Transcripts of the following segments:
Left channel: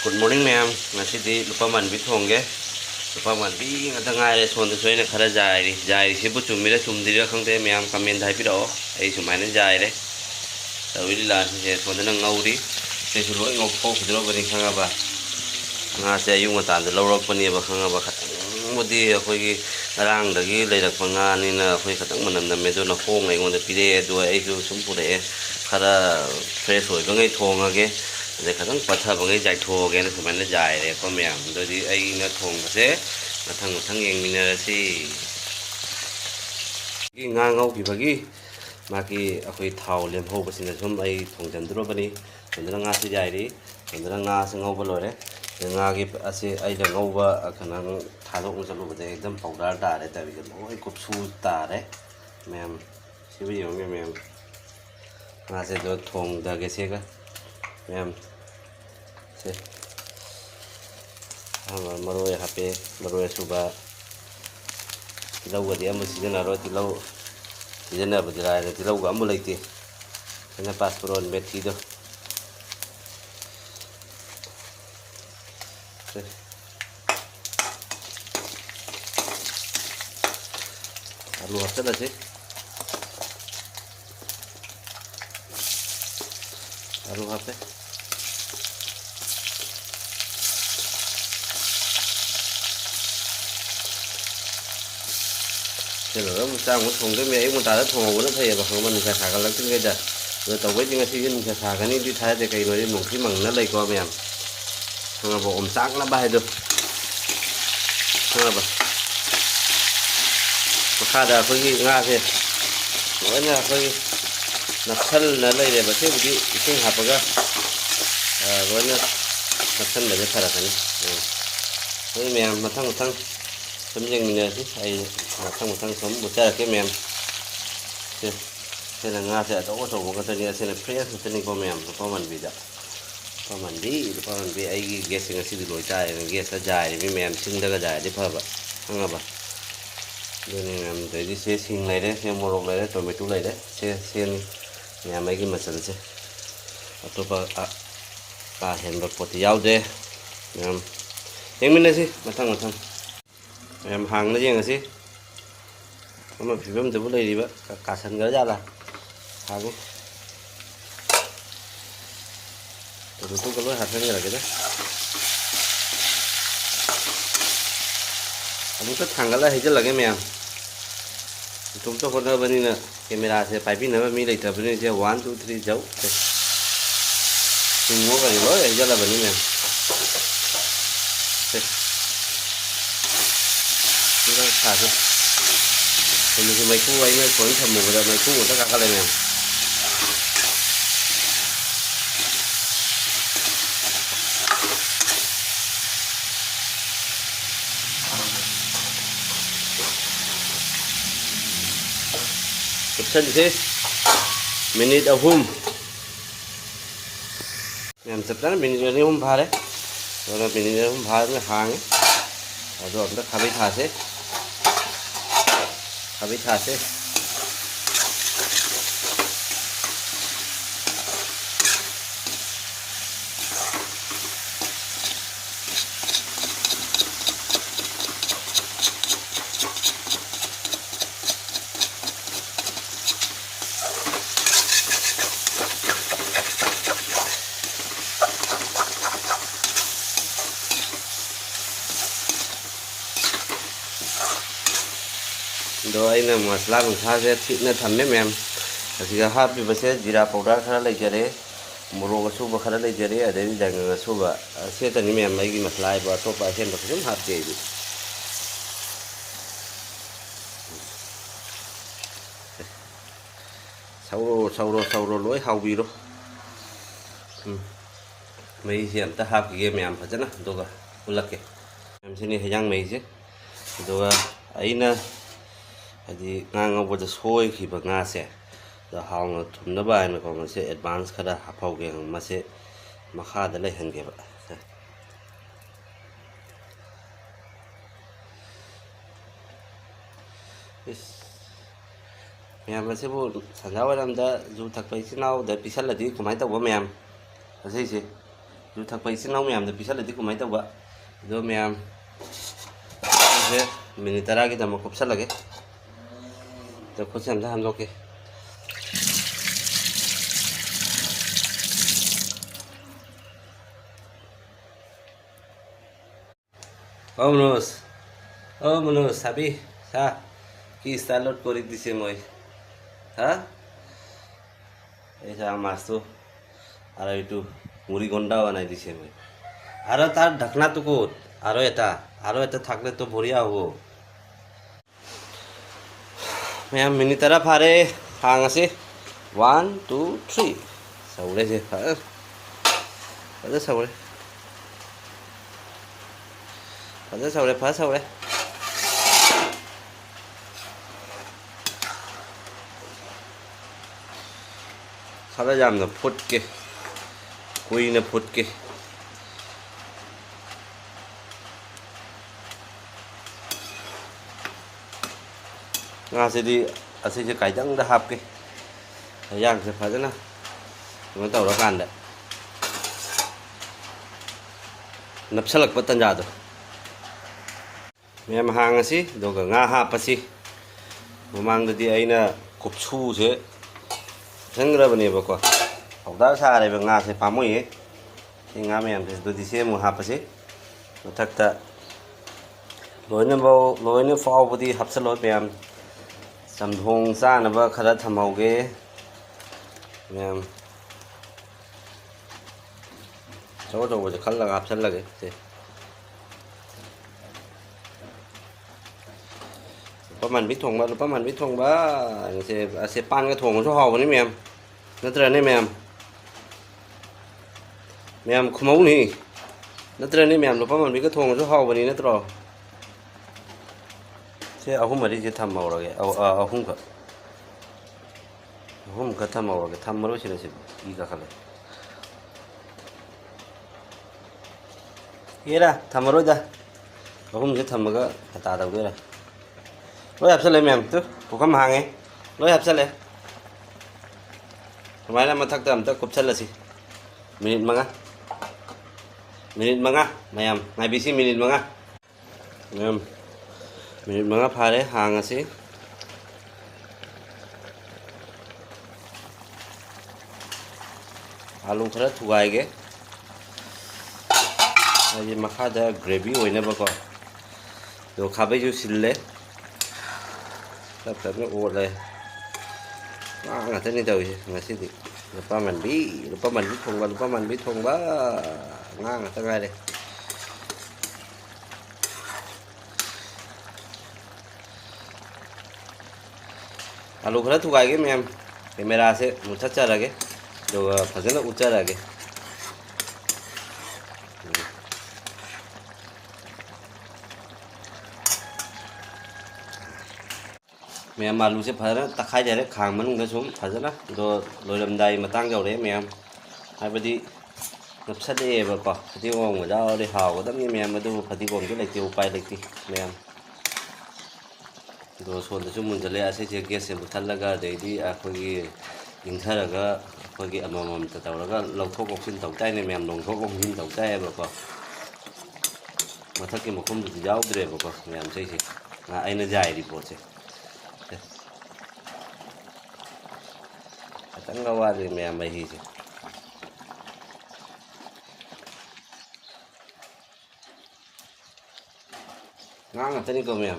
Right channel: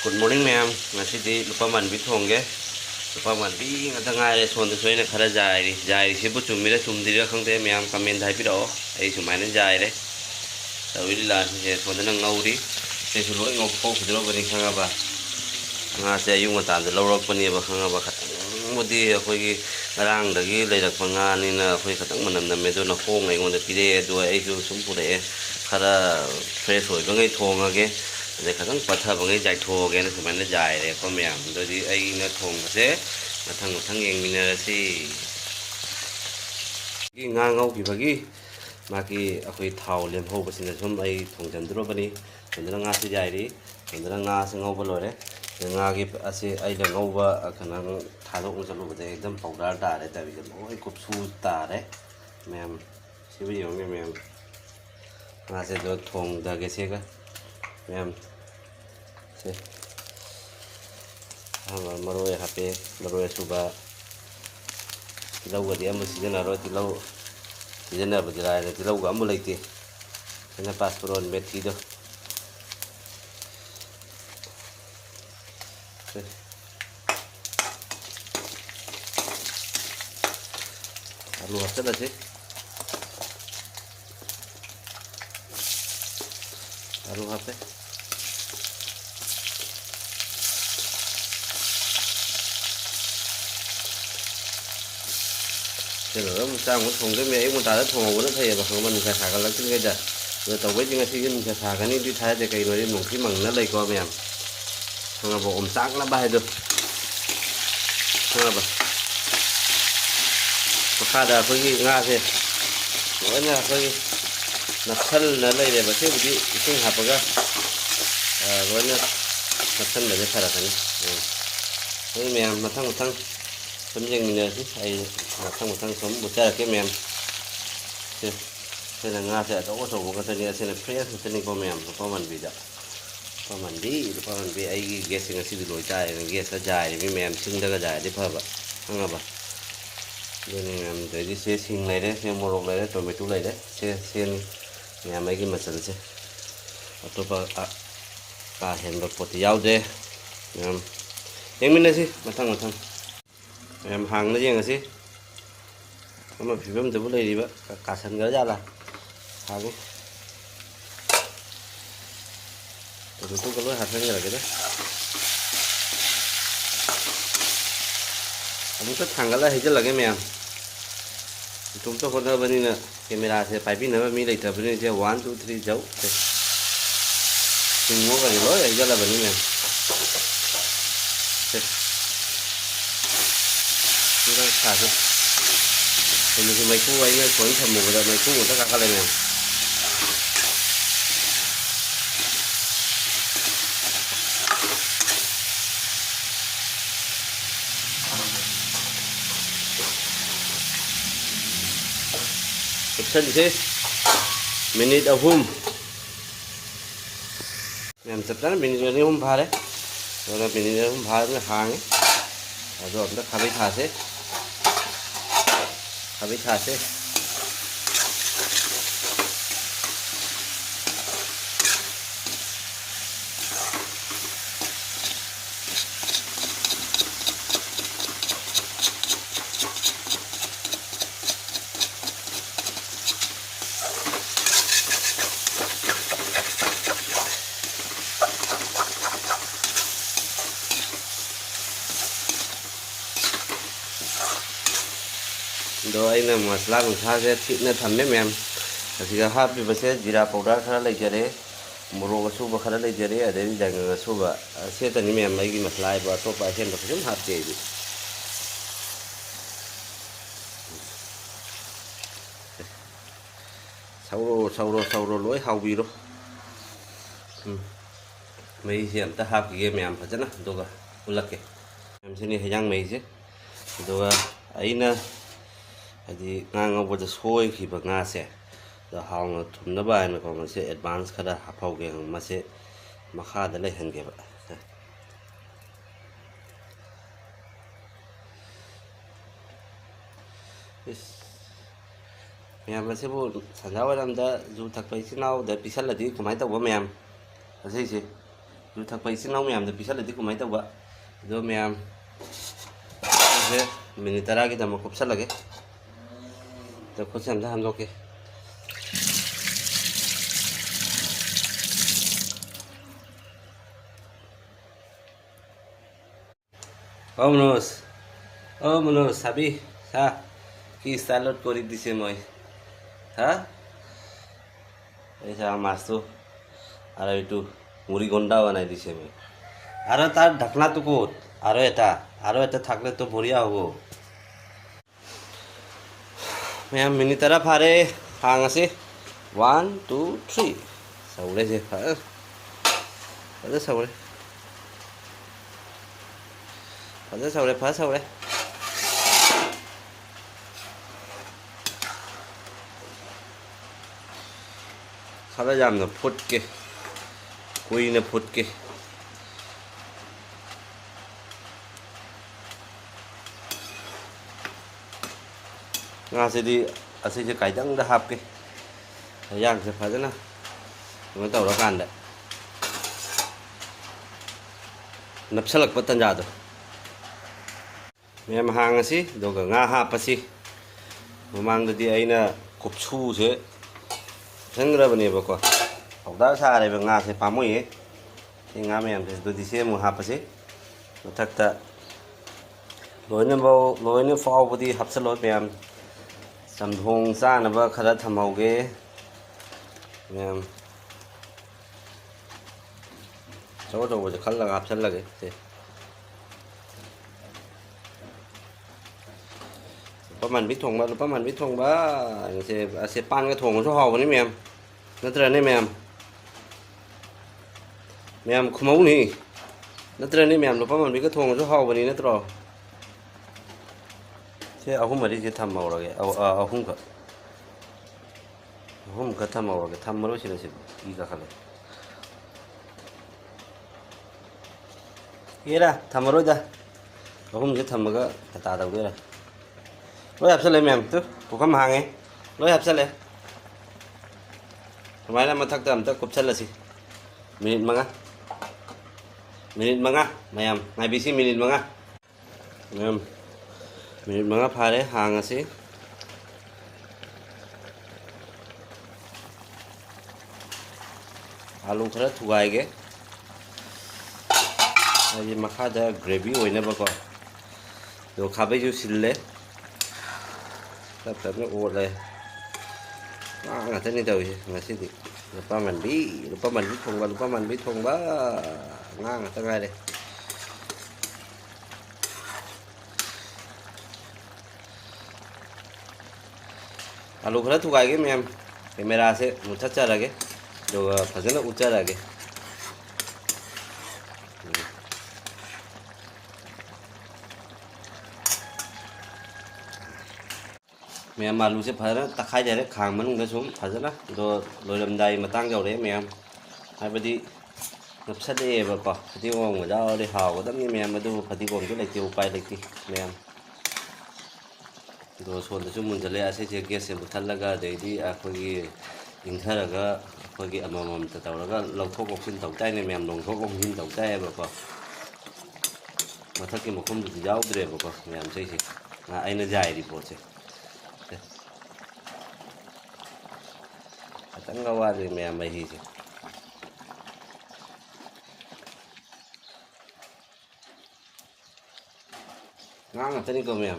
Good morning ma'am. Ngasi lupa man bit hongge. Lupa man bi ngata ngai son de soine khara jai si bu chum mira chum dira khangde ma'am comment hai pi do. Ai chum mai jai re. Tawi la se son de ngau ri. Se su loi ngau ko khudro bani khanga ba. Nga se yung mata de lorok pani ba khanga ba khatang modi akhoi gi rang da gi leirak panga ni na akhoi khatang manam na me do na hong ngai ngon de pi re do ai ju sum pu re khara fresh hoi ba ngai thong age để khá rất là bằng cái giải thô cái nó phải là dài để có mèo rồi thì ai nó thùng thế là thằng ngàn mình là gì cái ngang ngâu thì phải cái mà cái cái thau liềm hộp cái này chúng ai thùng chân đó bên đi chúng ta ngang sẽ dài đi chúng ta ngang sẽ ngâu vào rồi đấy ngang cái sẽ ai là ngâu vào khả năng thả lỏng cho lỗ để đâm phồng ra để tại vì cái cục su tả đấy mèo sẽ bây giờ mèo ngang sẽ cho thùng ra cái xe cái mèo maroi hape maroi suba tilau ga dia mesti na ro tilau tidana badra re tilau ga mu leite kana passport methi do aru hasta se aru hape thì nó sang một thùng cái mẹ ấy một ta đã thùng nó thấy và không mình sẽ xả cái lắm cái đó rồi tàu với những cái gì sẽ xả cái này đi thái thì cái rồi một cái măng nó đầy co mềm xong là bộ ẩm sáng nó bay được xong là có khá là cái nga thì nói là cái nắp thân là đây để mà thế thì sinh hạt vào ra nói là nắp thân là cái thật là cái này mềm mà thăng tấm riêng mình này chứ hay là trong một thằng sống một cha cái mềm thế là nga sẽ có số của cái này sẽ là fresh cái này có mềm có mình bị đó có mình đi ai ghét cái gì đổi trái mình ghét cái dài với mềm xinh ra cái dài đi phải không không ạ nên làm tới đi xe xinh này đấy xe mô này đấy rồi mấy túi này đấy xe nhà mấy cái mặt sần xe tôi bảo hiện vật bột dao đây em mình đây gì mà thằng em hàng nó riêng gì mà phim từ đây đi vậy cả sân cái ra là hàng rồi tôi có lối hạt như này cái đấy mình chút thằng cái là hình như là cái mèo chúng tôi còn đâu bên này nè camera sẽ phải pin nó mới lấy thật bên này sẽ 1 2 3 dấu mình mua cái lối này cho là bên này thả thôi thì mình mấy khu ấy có thầm mù rồi mấy khu của tất cả các này nè chân thế minute of home làm thật ra minute of home phá đấy rồi là minute of home phá mới hàng ấy rồi nó khá bị thả thế habis hasil rồi là masala mình pha sẽ thịt nó thấm mềm mềm thì hấp thì sẽ jira powder khá là dễ đấy moro su khá là dễ đấy ở đây rằng su và sẽ thành mềm mấy cái masala và su và thêm một chút hạt dễ sau rồi lối hậu bì đó mấy hiện ta hấp cái mềm phải chứ nào rồi là cái em xin này rang mấy chứ rồi ấy nè thì ngang ngọc vật sôi khi bậc nga sẽ là hòng thùng nó bài mà còn sẽ advance khá là hấp hậu cái mà sẽ mà khá là lấy hình cái vậy mèo sẽ vô sản giáo làm ra dù thật vậy chứ nào để bị sát là tí của máy tàu của mèo là gì ꯌꯨ ꯊꯛꯄ ꯏꯆꯤꯟ ꯏꯅꯥꯎ ꯃꯌꯥꯝꯗ ꯄꯤꯁꯜꯂꯗꯤ ꯀꯃꯥꯏꯅ ꯇꯧꯕ ꯑꯗꯣ ꯃꯌꯥꯝ minute 10ꯒꯤꯗꯃꯛ ꯀꯨꯞꯁꯜꯂꯒꯦ ꯈꯨꯠꯁꯦ ꯑꯝꯇ ꯍꯟꯗꯣꯛꯀꯦ মনোজ চাবি চা কি ষ্টাইলত কৰি দিছে মই হা এই চা মাছটো আৰু এইটো মুড়ি গণ্ডা বনাই দিছে মই আৰু তাৰ ঢাকনাটো ক'ত আৰু এটা থাকলেতো বঢ়িয়া হ'ব ম্যাম মিনিট 10 ফাৰে হাঙাসি 1 2 3 সাউরে যে সাউরে ফা সাউরে खरा यामना फुटके कुइना फुटके ngasidꯤ ꯑꯁꯤꯁꯦ ꯀꯥꯏꯗꯪꯗ ꯍꯥꯞꯀꯦ ꯌꯥꯡꯁꯦ ꯐꯖꯅ ꯀꯩꯅꯣ ꯇꯧꯔꯀꯥꯟꯗ ꯅꯞꯁꯜꯂꯛꯄ ꯇꯟꯖꯥꯗꯣ ꯃꯌꯥꯝ ꯍꯥꯡꯉꯁꯤ ꯑꯗꯨꯒ ꯉꯥ ꯍꯥꯞꯄꯁꯤ ꯃꯃꯥꯡꯗꯗꯤ ꯑꯩꯅ ꯀꯨꯞꯁꯨꯁꯦ ꯁꯪꯈ꯭ꯔꯕꯅꯦꯕꯀꯣ ꯄꯥꯎꯗꯔ ꯁꯥꯔꯦꯕ ꯉꯥꯁꯦ ꯄꯥꯝꯃꯨꯏꯌꯦ ꯁꯤ ꯉꯥ ꯃꯌꯥꯝꯁꯦ ꯑꯗꯨꯗꯤ ꯁꯤ ꯑꯃꯨꯛ ꯍꯥꯞꯄꯁꯤ ꯃꯊꯛꯇ ꯂꯣꯏꯅ ꯐꯥꯎꯕꯗꯤ ꯍꯥꯞꯆꯜꯂꯣ ꯃꯌꯥꯝ ꯆꯝꯊꯣꯡ ꯆꯥꯅꯕ ꯈꯔ ꯊꯝꯍꯧꯒꯦ ꯃꯌꯥꯝ ꯑꯆꯧ ꯑꯆꯧꯕꯁꯦ ꯈꯜꯂꯒ ꯍꯥꯞꯆꯜꯂꯒꯦ ꯁꯦ ꯂꯨꯄꯥ ꯃꯥꯟꯕꯤ ꯊꯣꯡꯕ ꯑꯁꯦ ꯄꯥꯟꯒ ꯊꯣꯡꯕꯁꯨ ꯍꯥꯎꯕꯅꯤ ꯃꯌꯥꯝ ꯅꯠꯇ꯭ꯔꯅꯦ ꯃꯌꯥꯝ ꯈꯨꯃꯧꯅꯤ ꯅꯠꯇ꯭ꯔꯅꯦ ꯃꯌꯥꯝ ꯂꯨꯄꯥ ꯃꯥꯟꯕꯤꯒ ꯊꯣꯡꯕꯁꯨ ꯍꯥꯎꯕꯅꯤ ꯅꯠꯇ꯭ꯔꯣ ꯁꯤ ꯑꯍꯨꯝ ꯃꯔꯤꯁꯦ ꯊꯝꯍꯧꯔꯒꯦ ꯑꯍꯨꯝꯈꯛ ꯊꯝꯍꯧꯔꯒꯦ ꯊꯝꯃꯔꯣꯏꯁꯤꯗ ꯏ ꯀꯥꯈꯠꯂꯦ ꯑꯦꯔꯥ ꯊꯝꯃꯔꯣꯏꯗ ꯑꯍꯨꯝꯁꯦ ꯊꯝꯃꯒ ꯍꯇꯥ ꯇꯧꯗꯣꯏꯔꯥ lối hấp lên mềm tức của khăm hàng ấy lối hấp lên máy là mà thắc tầm tức cục chân là gì minit manga mềm ngày bị xí minit manga mềm minit manga phá đấy hàng là xí alu khá thu gai cái này mà khá là gravy ôi nè bà con đồ khá bây giờ xin lấy tapi oleh nggak tahu nih tahu sih ngasih di lupa mandi thong ba nggak tahu deh alu khara thu gai cái mềm camera से मुझे चला के जो फसल ऊंचा लगे ma'am आलू से फजन तखाई जारे खांग मनुंग सूम फजन दो लोरमदाई मतंग यौरे मैम हाबदी नपसदेबको फदिगोम जाओले हावदमनि मैम अदु फदिगोम जो लेते उपाय लेते मैम दो सोंदसु मुंजले असे जे गैस से बुथलगा देदी अखोगी इंथरगा अखोगी अममम ततवरगा लौथोक ओक्सिन तौताइने मैम लौथोक ओक्सिन तौताइबको मथके मखुम दु याउद्रेबको मैम सेसे आइना जाय रिपोर्ट से tanga wadi mẹ mày gì ngang ở trên cầu mẹ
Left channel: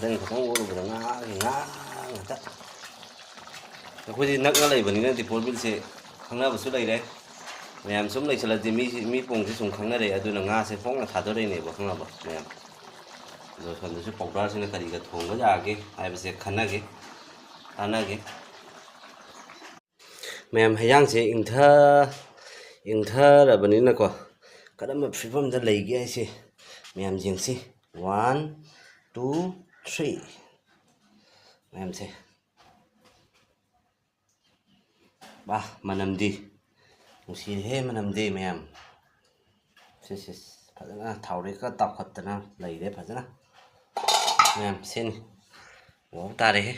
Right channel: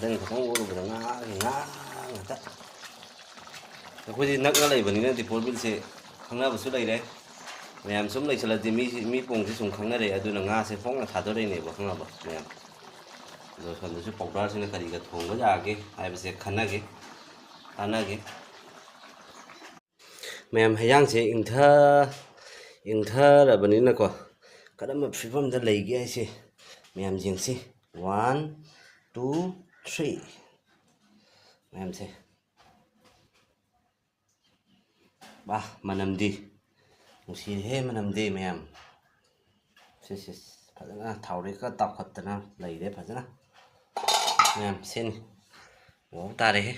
trên không có được ngã thì ngã cái gì nắc nó này vẫn nên thì phun bên xe không nào một số đây đấy मैम सूम लेसलदी मी पोंग सूम खाने nga से Phong थादोरेने बखंगब ma'am दो सोंदसु powder से करीगा थोंग जागे आइबसे खनागे आनागे मैम हयांग से इंथा को कदम फिबम द लेगे ऐसे मैम जिंगसी 1 2 3 मैम से बा मनमदी नुसी हे मनमदे मैम से फजना थावरे का ताखतना लेरे फजना ꯃꯌꯥꯝ ꯁꯤꯟ ꯋꯥꯎ ꯇꯥꯔꯦꯍꯦ